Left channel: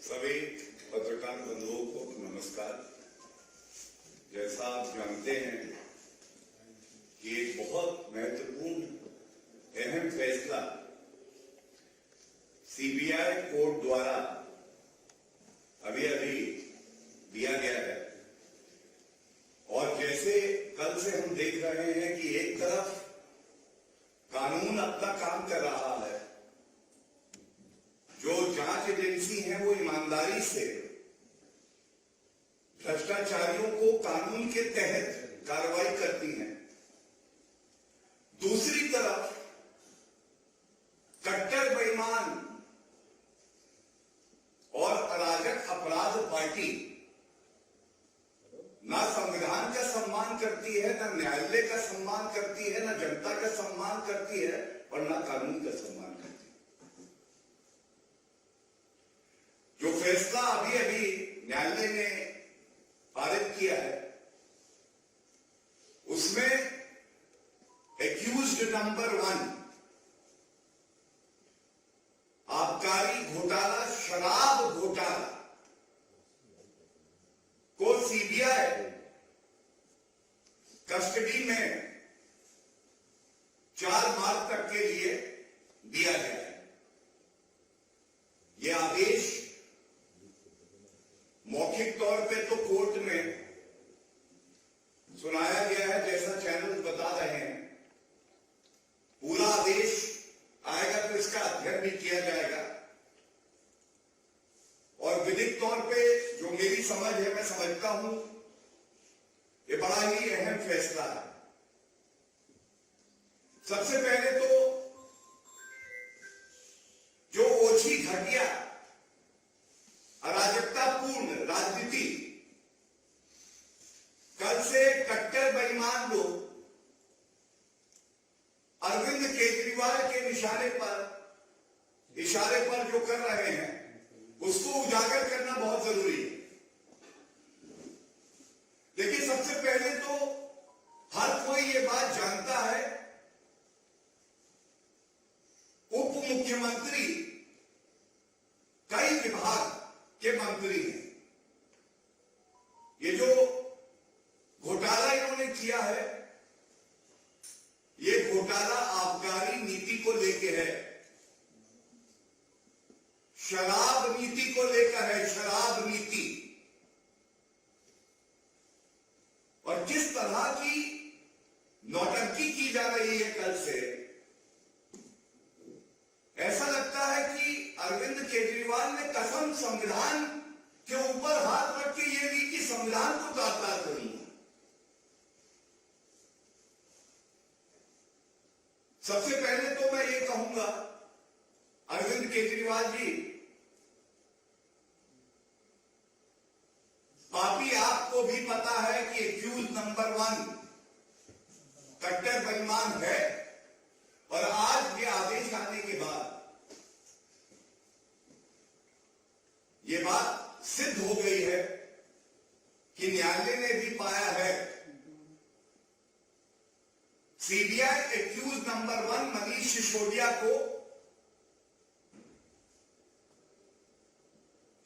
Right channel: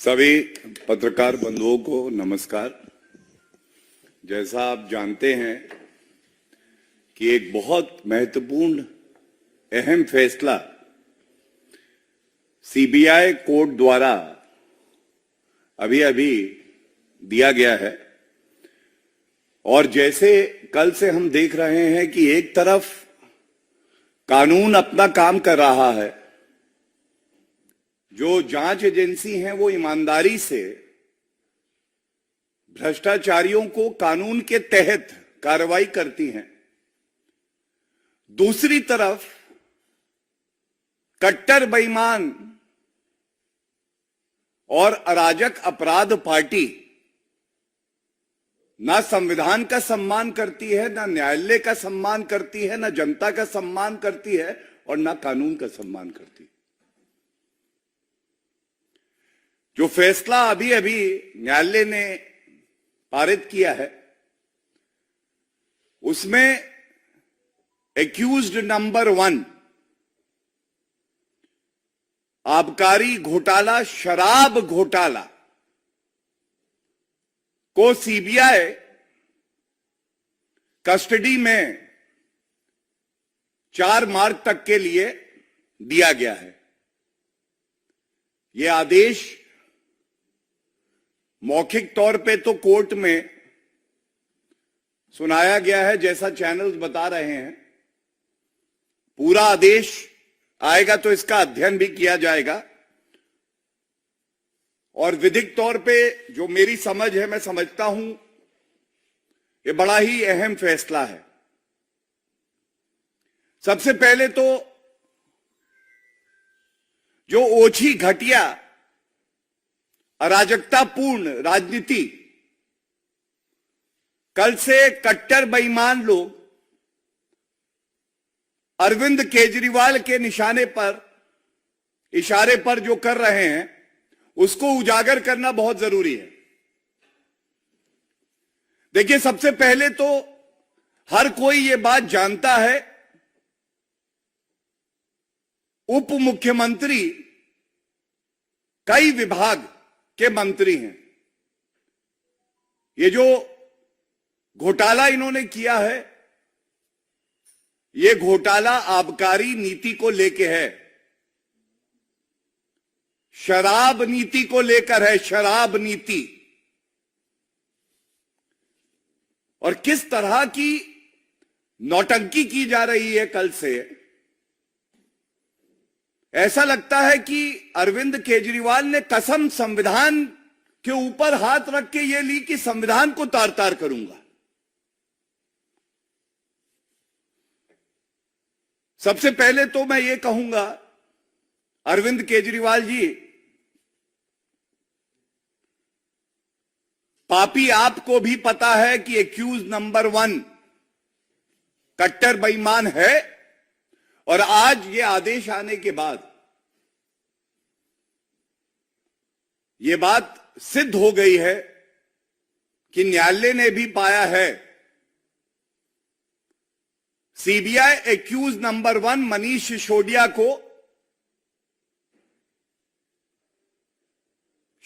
सभी पत्रकार बंधुओं को नमस्कार। जैसा आप जानते हैं कि एक बहुत महत्वपूर्ण अहम फैसला सीबीआई कोर्ट द्वारा अभी दिया गया है और जैसे कल से हम देख रहे हैं कि एक तरफ कानून अपना काम कर रहा है, जो जांच एजेंसी हैं वो ईमानदारी से भ्रष्टाचारियों को कानून के तहत कार्रवाई करती हैं। दूसरी तरफ कट्टर बेईमान और अराजक अपराध पार्टी ना संविधान का सम्मान करती है, ना न्यायालय का सम्मान करती है, ना जनता का सम्मान करती है और ना कानून का सम्मान करती है। जो फैसला अभी न्यायालय ने पारित किया है उसमें एक्यूज्ड नंबर 1 आबकारी घोटाला, शराब घोटाला को सीबीआई कस्टडी में 4 मार्च तक के लिए दिया गया है। यह आदेश मौखिक तौर पे तो कोर्ट में सुनाया गया है, जैसा चैनल्स बता रहे हैं। पूरा आदेश आएगा तो इसका अध्ययन भी किया जाएगा और विधिक तौर पे जो मेरी समझ है, मैं समझता हूं ये बड़ा ही अहम फैसला है। सबसे पहले तो जो ओछी घटिया अराजकतापूर्ण राजनीति कल से कट्टर बेईमान लोग अरविंद केजरीवाल के इशारे पर जो कर रहे हैं उसको उजागर करना बहुत जरूरी है। देखिए, सबसे पहले तो हर कोई ये बात जानता है, उप मुख्यमंत्री कई विभाग के मंत्री हैं। ये जो घोटाला इन्होंने किया है, ये घोटाला आबकारी नीति को लेके है, शराब नीति को लेकर है, शराब नीति। और किस तरह की नौटंकी की जा रही है कल से, ऐसा लगता है कि अरविंद केजरीवाल ने कसम संविधान के ऊपर हाथ रख के ये ली कि संविधान को तार तार करूंगा। सबसे पहले तो मैं ये कहूंगा, अरविंद केजरीवाल जी, पापी आपको भी पता है कि एक्यूज नंबर 1 कट्टर बेईमान है और आज ये आदेश आने के बाद ये बात सिद्ध हो गई है कि न्यायालय ने भी पाया है CBI accused number 1 Manish Sisodia को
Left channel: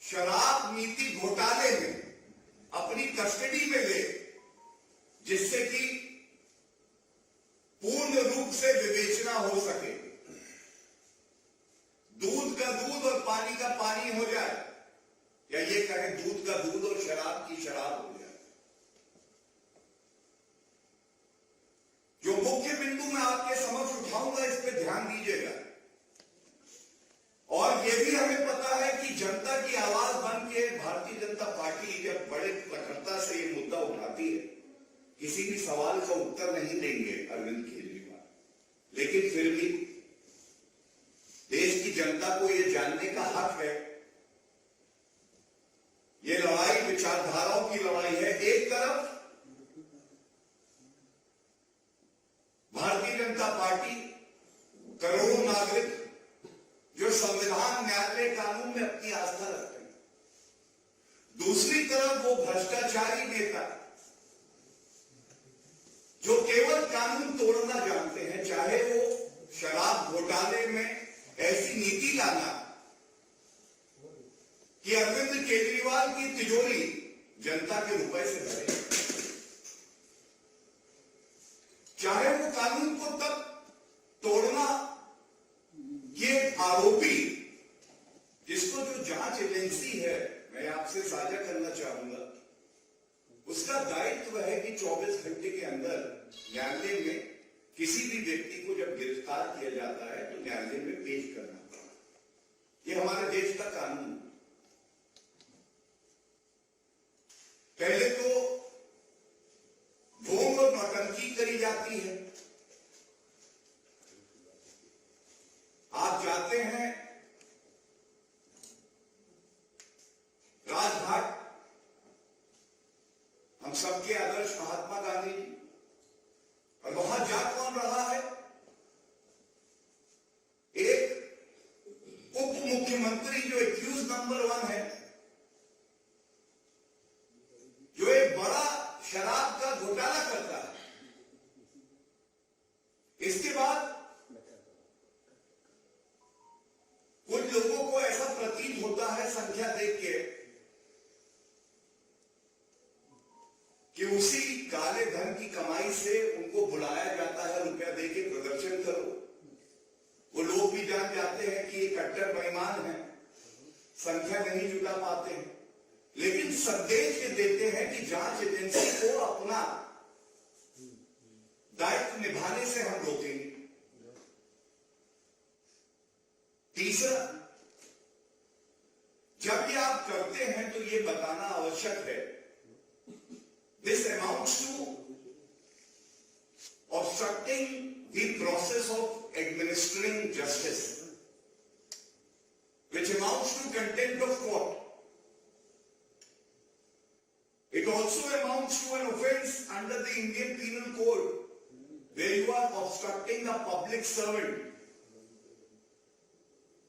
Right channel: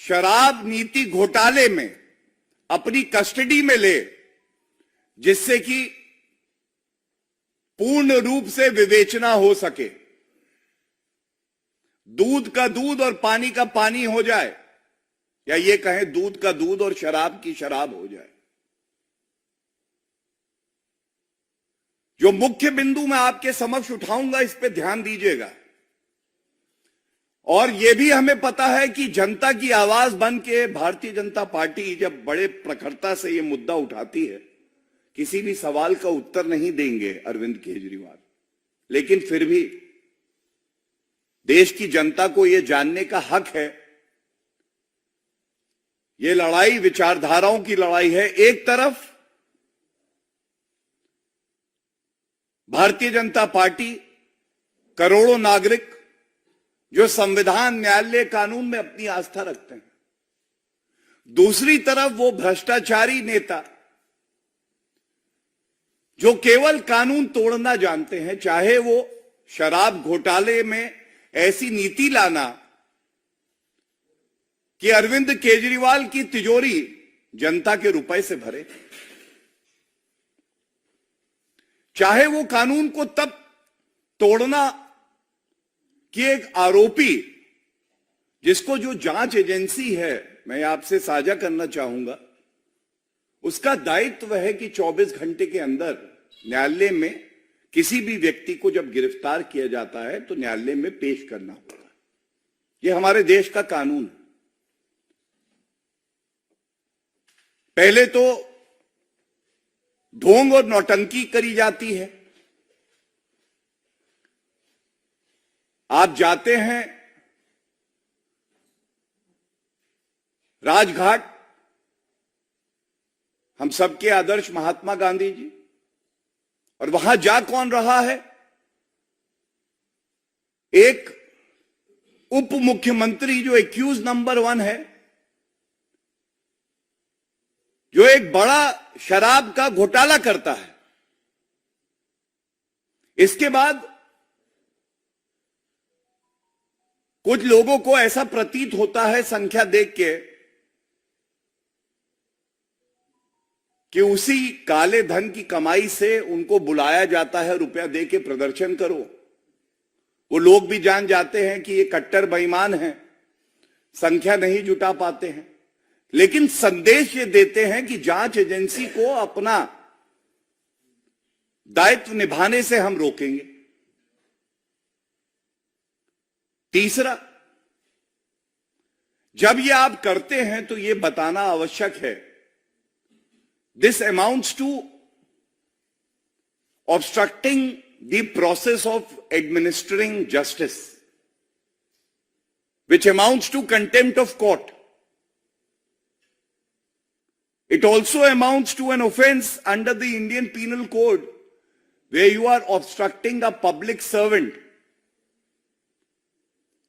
शराब नीति घोटाले में अपनी कस्टडी में ले, जिससे कि पूर्ण रूप से विवेचना हो सके, दूध का दूध और पानी का पानी हो जाए, या ये कहें दूध का दूध और शराब की शराब हो जाए। जो मुख्य बिंदु मैं आपके समक्ष उठाऊंगा, इस पे ध्यान दीजिएगा। और यह भी हमें पता है कि जनता की आवाज बन के भारतीय जनता पार्टी जब बड़े प्रखरता से यह मुद्दा उठाती है, किसी भी सवाल का उत्तर नहीं देंगे अरविंद केजरीवाल, लेकिन फिर भी देश की जनता को यह जानने का हक है। यह लड़ाई विचारधाराओं की लड़ाई है। एक तरफ भारतीय जनता पार्टी, करोड़ों नागरिक जो संविधान, न्यायालय, कानून में अपनी आस्था रखते हैं, दूसरी तरफ वो भ्रष्टाचारी नेता जो केवल कानून तोड़ना जानते हैं, चाहे वो शराब घोटाले में ऐसी नीति लाना कि अरविंद केजरीवाल की तिजोरी जनता के रुपए से भरे, चाहे वो कानून को तब तोड़ना कि एक आरोपी जिसको जो जांच एजेंसी है, मैं आपसे साझा करना चाहूंगा, उसका दायित्व है कि 24 घंटे के अंदर न्यायालय में किसी भी व्यक्ति को जब गिरफ्तार किया जाता है तो न्यायालय में पेश करना। यह हमारे देश का कानून है। पहले तो ढोंग और नौटंकी करी जाती है। आप जाते हैं राजघाट, हम सबके आदर्श महात्मा गांधी जी, और वहां जा कौन रहा है? एक उप मुख्यमंत्री जो एक्यूज नंबर 1 है, जो एक बड़ा शराब का घोटाला करता है। इसके बाद कुछ लोगों को ऐसा प्रतीत होता है संख्या देख के कि उसी काले धन की कमाई से उनको बुलाया जाता है, रुपया दे के प्रदर्शन करो। वो लोग भी जान जाते हैं कि ये कट्टर बेईमान हैं, संख्या नहीं जुटा पाते हैं, लेकिन संदेश ये देते हैं कि जांच एजेंसी को अपना दायित्व निभाने से हम रोकेंगे। तीसरा, जब ये आप करते हैं तो ये बताना आवश्यक है, this amounts to obstructing the process of administering justice, which amounts to contempt of court. It also amounts to an offense under the Indian Penal Code, where you are obstructing a public servant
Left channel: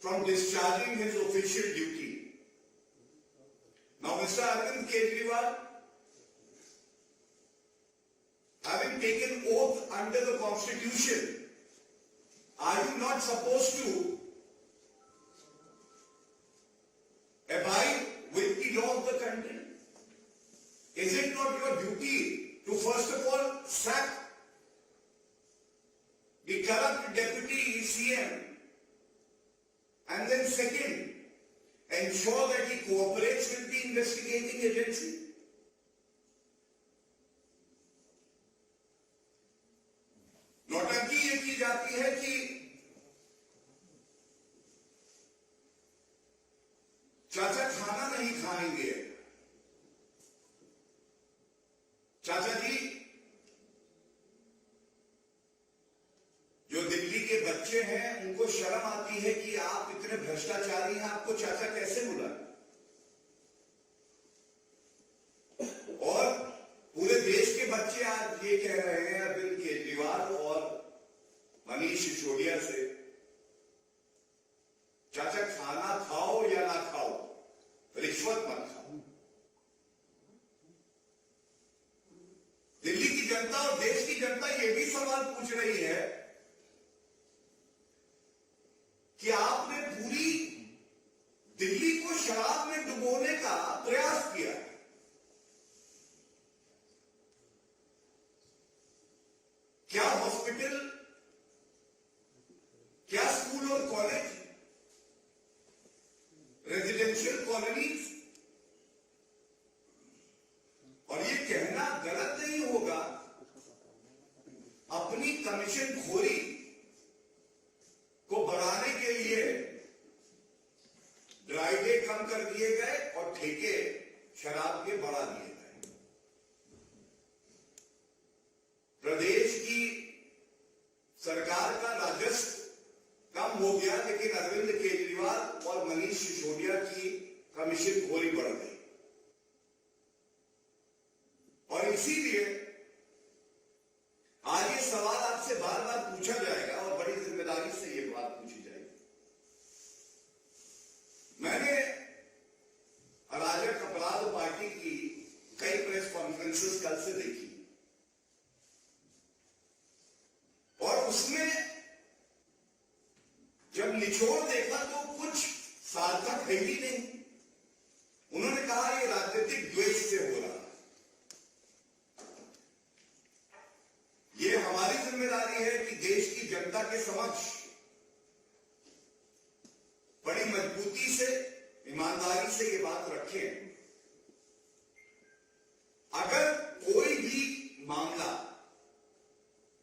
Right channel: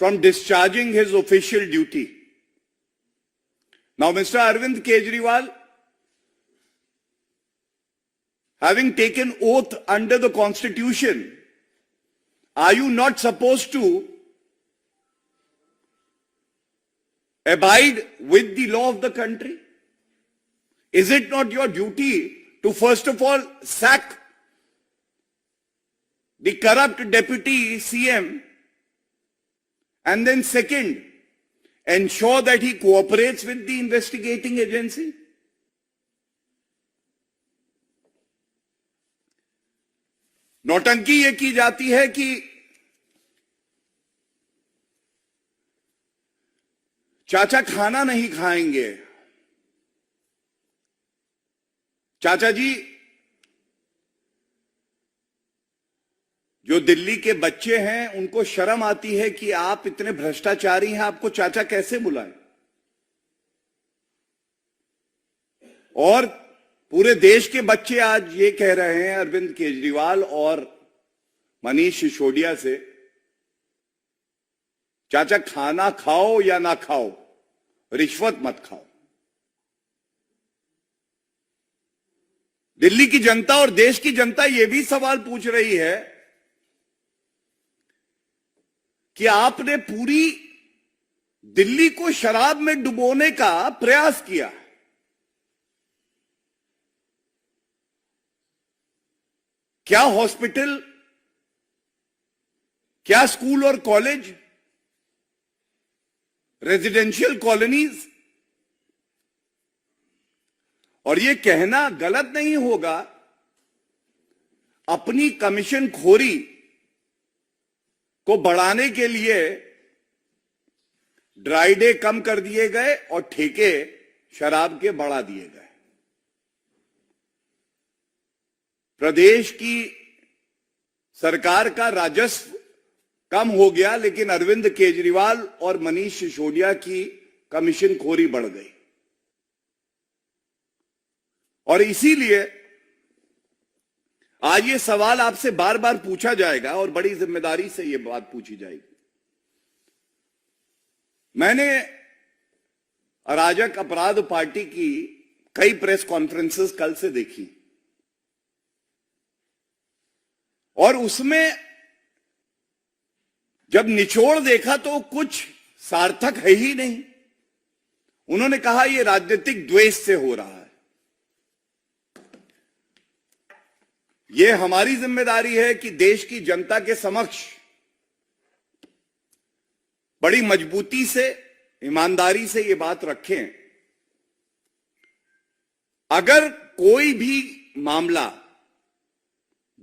from discharging his official duty. Now, Mr. Arvind Kejriwal, having taken oath under the Constitution, are you not supposed to abide with the law of the country? Is it not your duty to first of all sack the corrupt deputy CM, and then second, ensure that he cooperates with the investigating agency? नौटंकी ये की जाती है कि चाचा खाना नहीं खाएंगे। चाचा जी, जो दिल्ली के बच्चे हैं उनको शर्म आती है कि आप इतने भ्रष्टाचारी हैं, आपको चाचा कैसे बुलाएं? और पूरे देश के बच्चे आज ये कह रहे हैं अरविंद केजरीवाल और मनीष सिसोदिया से, चाचा खाना खाओ या ना खाओ, रिश्वत मत खाओ। दिल्ली की जनता और देश की जनता ये भी सवाल पूछ रही है कि आपने पूरी दिल्ली को शराब में डुबोने का प्रयास किया। क्या हॉस्पिटल, क्या स्कूल और कॉलेज, रेजिडेंशियल कॉलोनीज, और ये कहना गलत नहीं होगा, अपनी कमीशन खोरी को बढ़ाने के लिए ड्राई डे कम कर दिए गए और ठेके शराब के बढ़ा दिए गए। प्रदेश की सरकार का राजस्व कम हो गया, लेकिन अरविंद केजरीवाल और मनीष सिसोदिया की कमीशन खोरी बढ़ गई। और इसीलिए आज ये सवाल आपसे बार बार पूछा जाएगा और बड़ी जिम्मेदारी से ये बात पूछी जाएगी। मैंने अराजक अपराध पार्टी की कई प्रेस कॉन्फ्रेंसेस कल से देखी और उसमें जब निचोड़ देखा तो कुछ सार्थक है ही नहीं। उन्होंने कहा यह राजनीतिक द्वेष से हो रहा है। यह हमारी जिम्मेदारी है कि देश की जनता के समक्ष बड़ी मजबूती से, ईमानदारी से ये बात रखें। अगर कोई भी मामला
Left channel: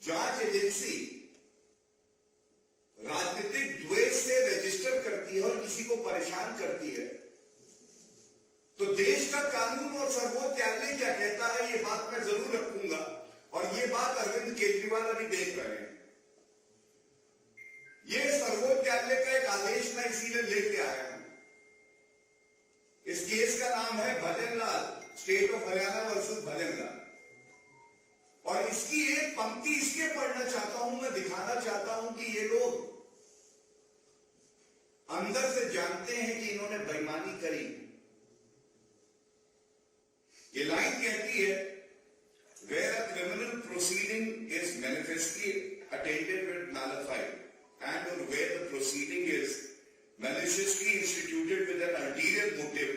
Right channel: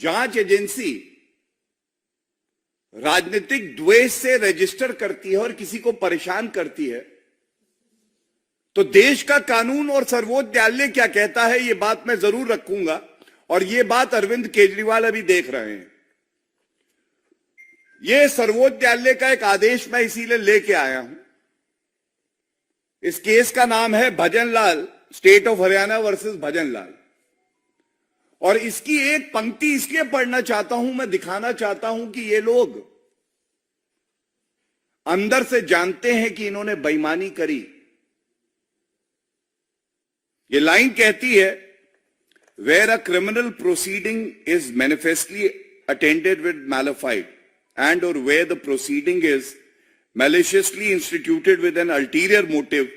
जांच एजेंसी राजनीतिक द्वेष से रजिस्टर करती है और किसी को परेशान करती है, तो देश का कानून और सर्वोच्च न्यायालय क्या कहता है, ये बात मैं जरूर रखूंगा। और ये बात अरविंद केजरीवाल अभी देख रहे हैं। ये सर्वोच्च न्यायालय का एक आदेश मैं इसीलिए लेके आया हूं। इस केस का नाम है Bhajanlal, state of Haryana versus Bhajanlal. और इसकी एक पंक्ति इसलिए पढ़ना चाहता हूं, मैं दिखाना चाहता हूं कि ये लोग अंदर से जानते हैं कि इन्होंने बेईमानी करी। ये लाइन कहती है, where a criminal proceeding is manifestly attended with malafide and or where the proceeding is maliciously instituted with an ulterior motive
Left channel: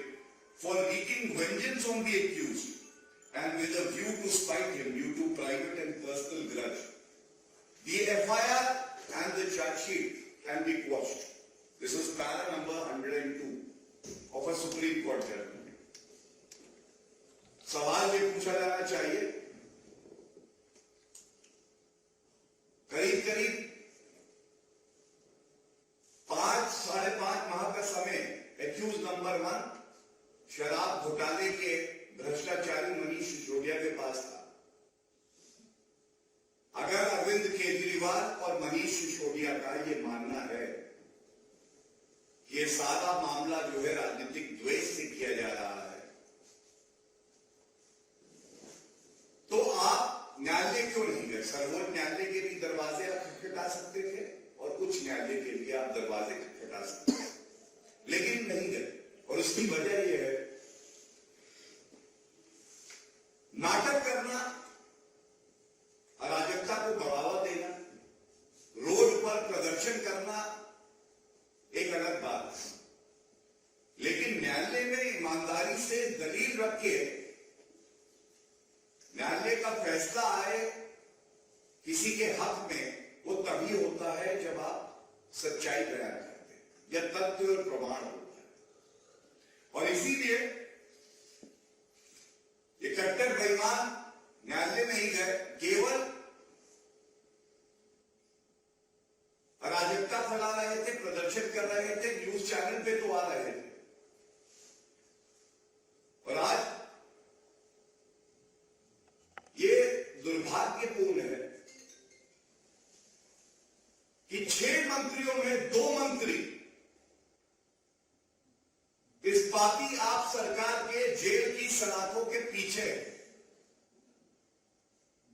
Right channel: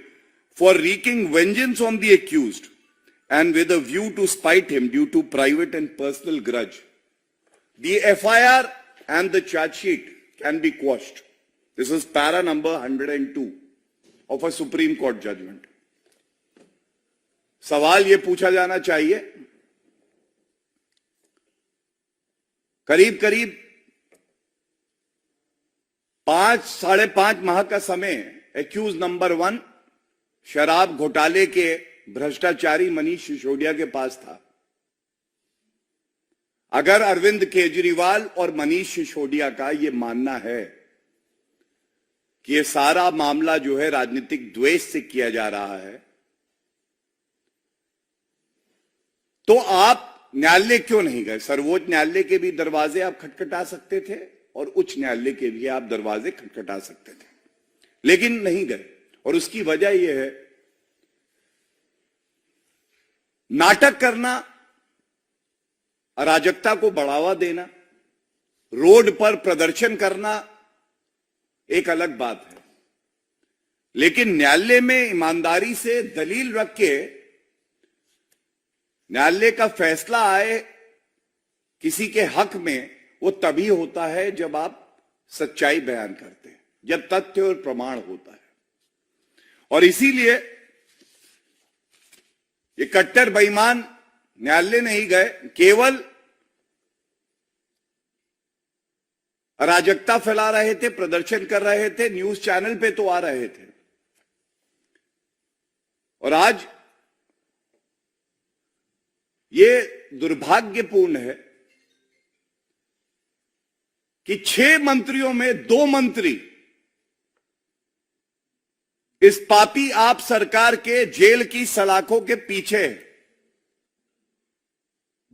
for wreaking vengeance on the accused and with a view to spite him due to private and personal grudge, the FIR and the charge sheet can be quashed. This is para number 102 of a Supreme Court judgment. सवाल ये पूछा जाना चाहिए, करीब करीब 5-5.5 माह का समय एक्यूज नंबर 1 शराब घोटाले के भ्रष्टाचारी मनीष सिसोदिया के पास था। अगर अरविंद केजरीवाल और मनीष सिसोदिया का यह मानना है कि यह सारा मामला जो है राजनीतिक द्वेष से किया जा रहा है, तो आप न्यायालय क्यों नहीं गए? सर्वोच्च न्यायालय के भी दरवाजे आप खटखटा सकते थे और उच्च न्यायालय के भी आप दरवाजे खटखटा सकते थे, लेकिन नहीं गए। और उसकी वजह यह है, नाटक करना, अराजकता को बढ़ावा देना, रोड पर प्रदर्शन करना एक अलग बात है, लेकिन न्यायालय में ईमानदारी से दलील रख के न्यायालय का फैसला आए किसी के हक में, वो तभी होता है जब आप सच्चाई बयान करते हैं, जब तथ्य और प्रमाण होता है। और इसीलिए ये कट्टर बेईमान न्यायालय नहीं गए, केवल अराजकता फैला रहे थे, प्रदर्शन कर रहे थे, न्यूज चैनल पे तो आ रहे थे। और आज ये दुर्भाग्यपूर्ण है कि 6 मंत्रियों में 2 मंत्री इस पापी आप सरकार के जेल की सलाखों के पीछे हैं,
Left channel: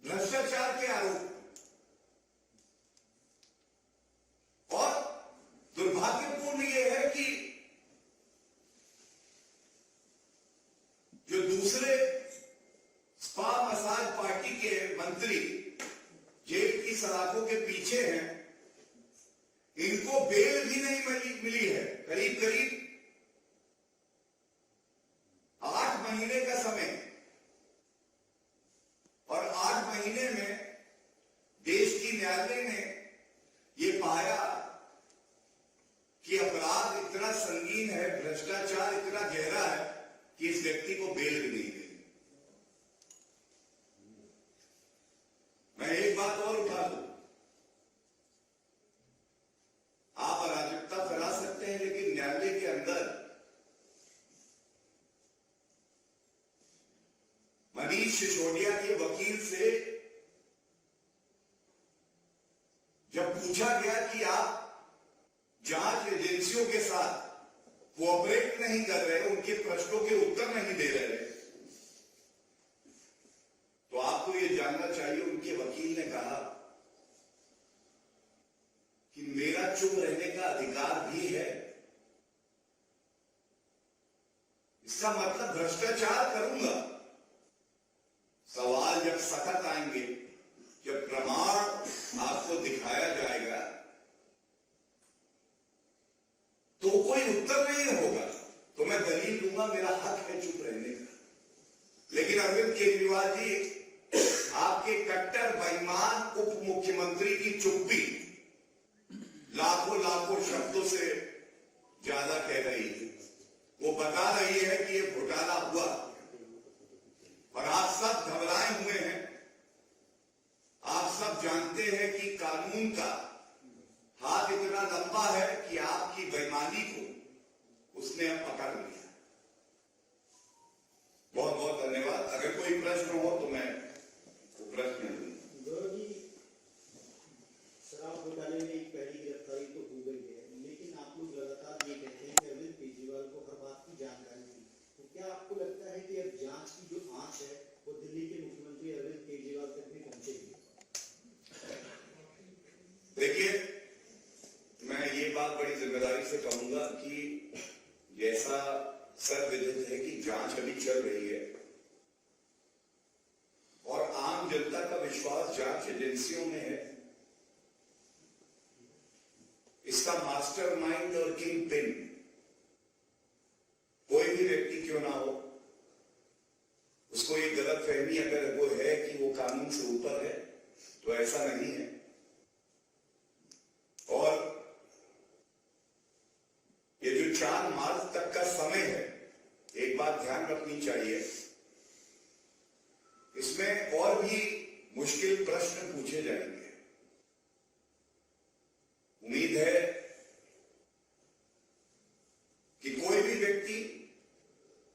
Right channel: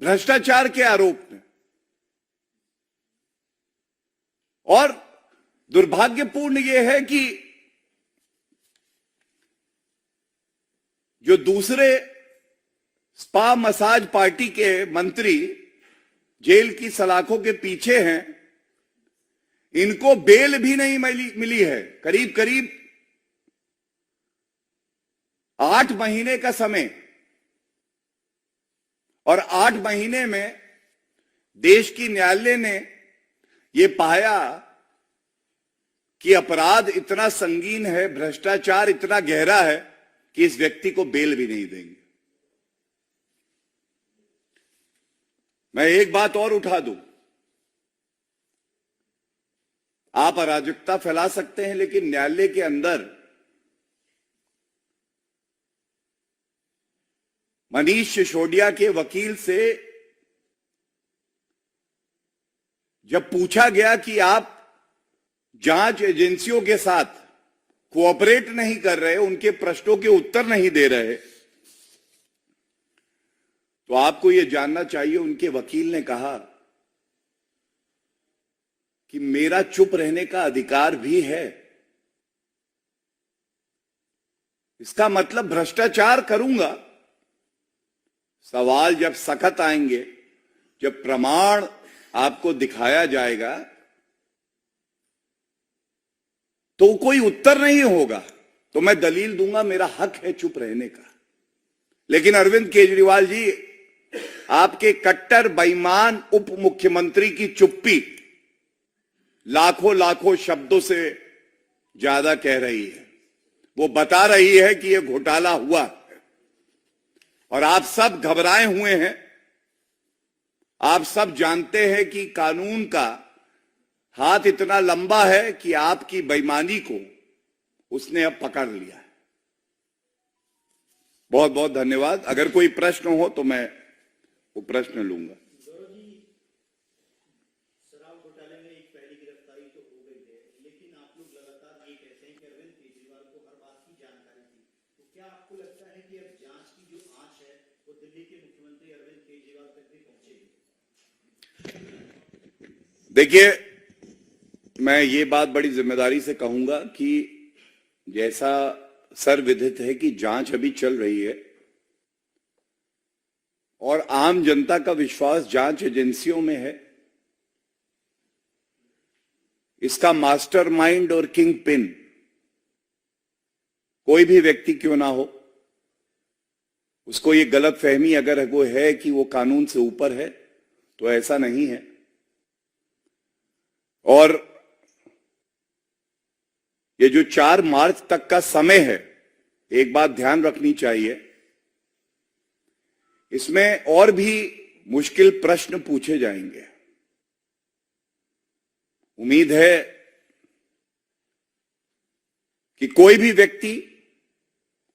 भ्रष्टाचार के आरोप में। और दुर्भाग्यपूर्ण यह है कि जो दूसरे स्पा मसाज पार्टी के मंत्री जेल की सलाखों के पीछे हैं, इनको बेल भी नहीं मिली है। करीब करीब 8 महीने का समय, और 8 महीने में देश की न्यायालय ने यह पाया कि अपराध इतना संगीन है, भ्रष्टाचार इतना गहरा है कि इस व्यक्ति को बेल भी नहीं देंगे। मैं एक बात और उठा दूं, आप अराजकता फैला सकते हैं, लेकिन न्यायालय के अंदर मनीष सिसोदिया के वकील से जब पूछा गया कि आप जांच एजेंसियों के साथ कोऑपरेट नहीं कर रहे, उनके प्रश्नों के उत्तर नहीं दे रहे, तो आपको यह जानना चाहिए, उनके वकील ने कहा कि मेरा चुप रहने का अधिकार भी है। इसका मतलब भ्रष्टाचार करूंगा। सवाल जब सख्त आएंगे, जब प्रमाण आपको दिखाया जाएगा, तो कोई उत्तर नहीं होगा। तो मैं दलील दूंगा, मेरा हक है चुप रहने का। लेकिन अरविंद केजरीवाल जी, आपके कट्टर बेईमान उप मुख्यमंत्री की चुप्पी लाखों लाखों शब्दों से ज्यादा कह रही है। वो बता रही है कि यह घोटाला हुआ और आप सब घबराए हुए हैं। आप सब जानते हैं कि कानून का हाथ इतना लंबा है कि आपकी बेईमानी को उसने अब पकड़ लिया है। बहुत बहुत धन्यवाद। अगर कोई प्रश्न हो तो मैं वो प्रश्न लूंगा। शराब घोटाले में एक पहली गिरफ्तारी तो हो गई है, लेकिन आप लोग लगातार ये कहते हैं कि अरविंद केजरीवाल को हर बात की जानकारी थी। तो क्या आपको लगता है कि अब जांच की जो आंच है वो दिल्ली के मुख्यमंत्री अरविंद केजरीवाल तक भी पहुंचेगी? देखिए, मैं ये बात बड़ी जिम्मेदारी से कहूंगा कि जैसा सर्वविदित है कि जांच अभी चल रही है और आम जनता का विश्वास जांच एजेंसियों में है। इसका मास्टरमाइंड और किंग पिन कोई भी व्यक्ति क्यों ना हो, उसको ये गलत फहमी अगर वो है कि वो कानून से ऊपर है, तो ऐसा नहीं है। और ये जो 4 मार्च तक का समय है, एक बात ध्यान रखनी चाहिए, इसमें और भी मुश्किल प्रश्न पूछे जाएंगे। उम्मीद है कि कोई भी व्यक्ति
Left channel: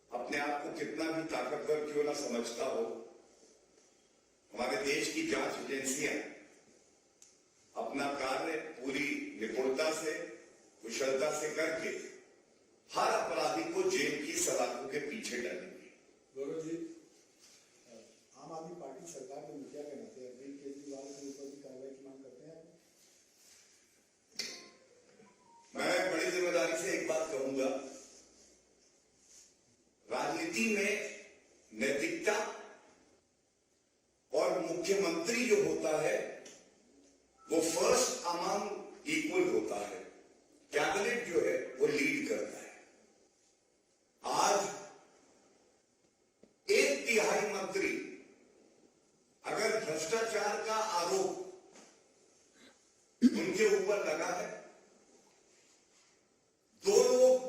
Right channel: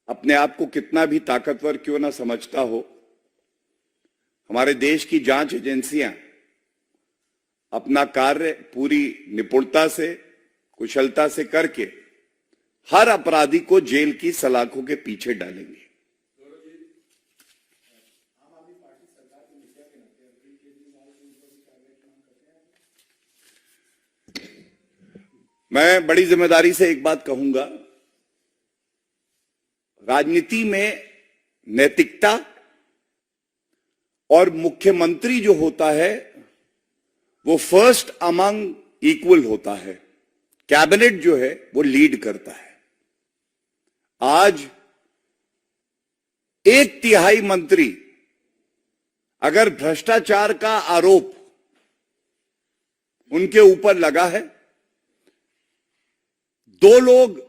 अपने आप को कितना भी ताकतवर क्यों ना समझता हो, हमारे देश की जांच एजेंसियां अपना कार्य पूरी निपुणता से, कुशलता से करके हर अपराधी को जेल की सलाखों के पीछे डालेंगे। आम आदमी पार्टी सरकार के मुखिया के नाते अरविंद केजरीवाल के ऊपर भी कार्रवाई की मांग करते हैं। मैं बड़ी जिम्मेदारी से एक बात कहूंगा, राजनीति में नैतिकता और मुख्यमंत्री जो होता है वो फर्स्ट अमंग इक्वल होता है। कैबिनेट जो है वो लीड करता है। आज 1/3 मंत्री अगर भ्रष्टाचार का आरोप उनके ऊपर लगा है, 2 लोग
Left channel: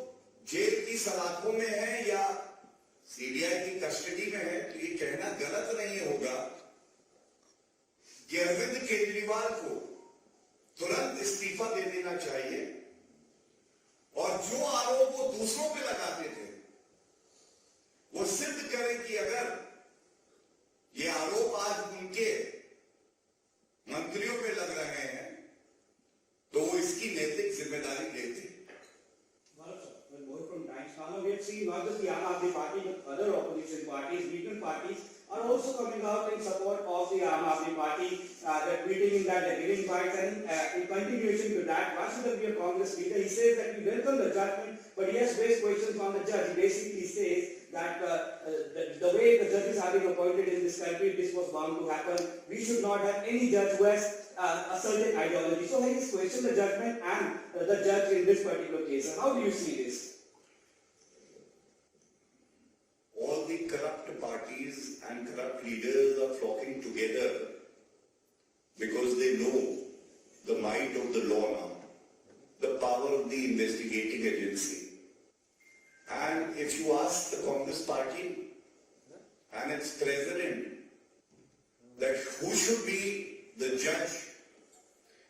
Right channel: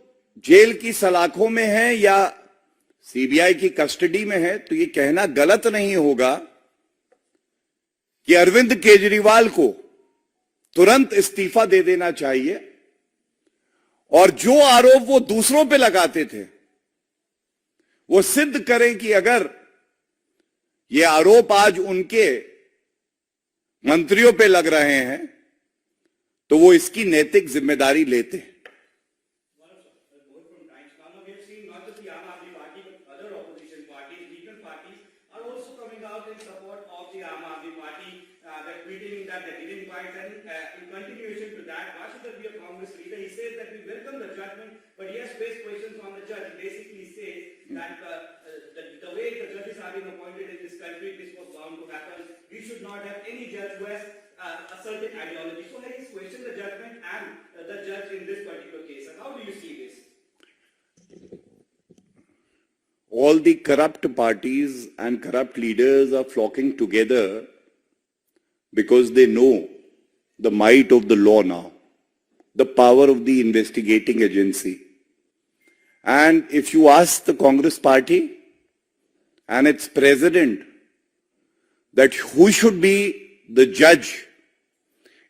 जेल की सलाखों में हैं या सीबीआई की कस्टडी में है, तो ये कहना गलत नहीं होगा कि अरविंद केजरीवाल को तुरंत इस्तीफा दे देना चाहिए और जो आरोप वो दूसरों पे लगाते थे वो सिद्ध करें कि अगर ये आरोप आज उनके मंत्रियों पे लग रहे हैं तो वो इसकी नैतिक जिम्मेदारी लेते हैं। That he invites and in continuation to that, why should there be a Congress leader? He says that we welcome the judgment, but he has raised questions on the judge. He basically says that the way the judges are being appointed in this country, this was bound to happen. We should not have any judge who has a certain ideology. So he has questioned the judgment and the judge in this particular case. How do you see this? All the corrupt parties and corrupt leaders are flocking together because they know the might of the law now, the power of the investigating agency. And if you ask the Congress party and its president that who should be the judge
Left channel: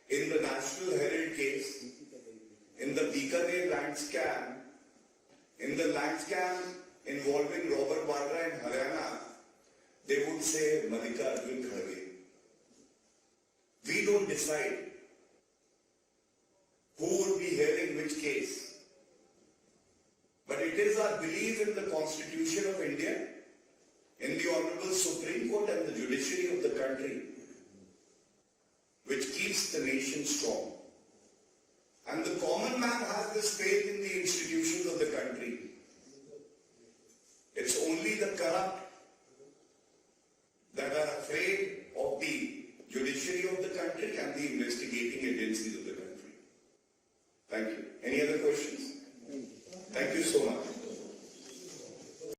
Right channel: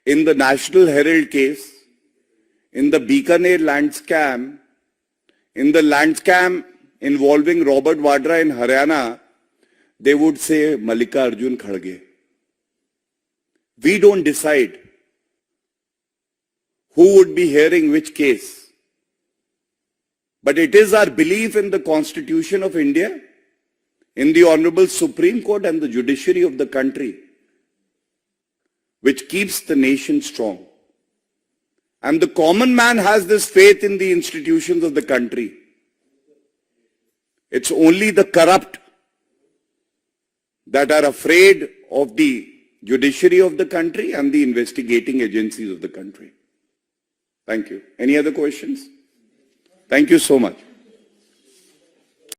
in the National Herald case, in the Bikaner land scam, in the land scam involving Robert Vadra in Haryana, they would say Mallikarjun Kharge. We don't decide who would be hearing which case. But it is our belief in the Constitution of India, in the Honorable Supreme Court and the judiciary of the country, which keeps the nation strong. And the common man has this faith in the institutions of the country. It's only the corrupt that are afraid of the judiciary of the country and the investigating agencies of the country. Thank you. Any other questions? Thank you so much.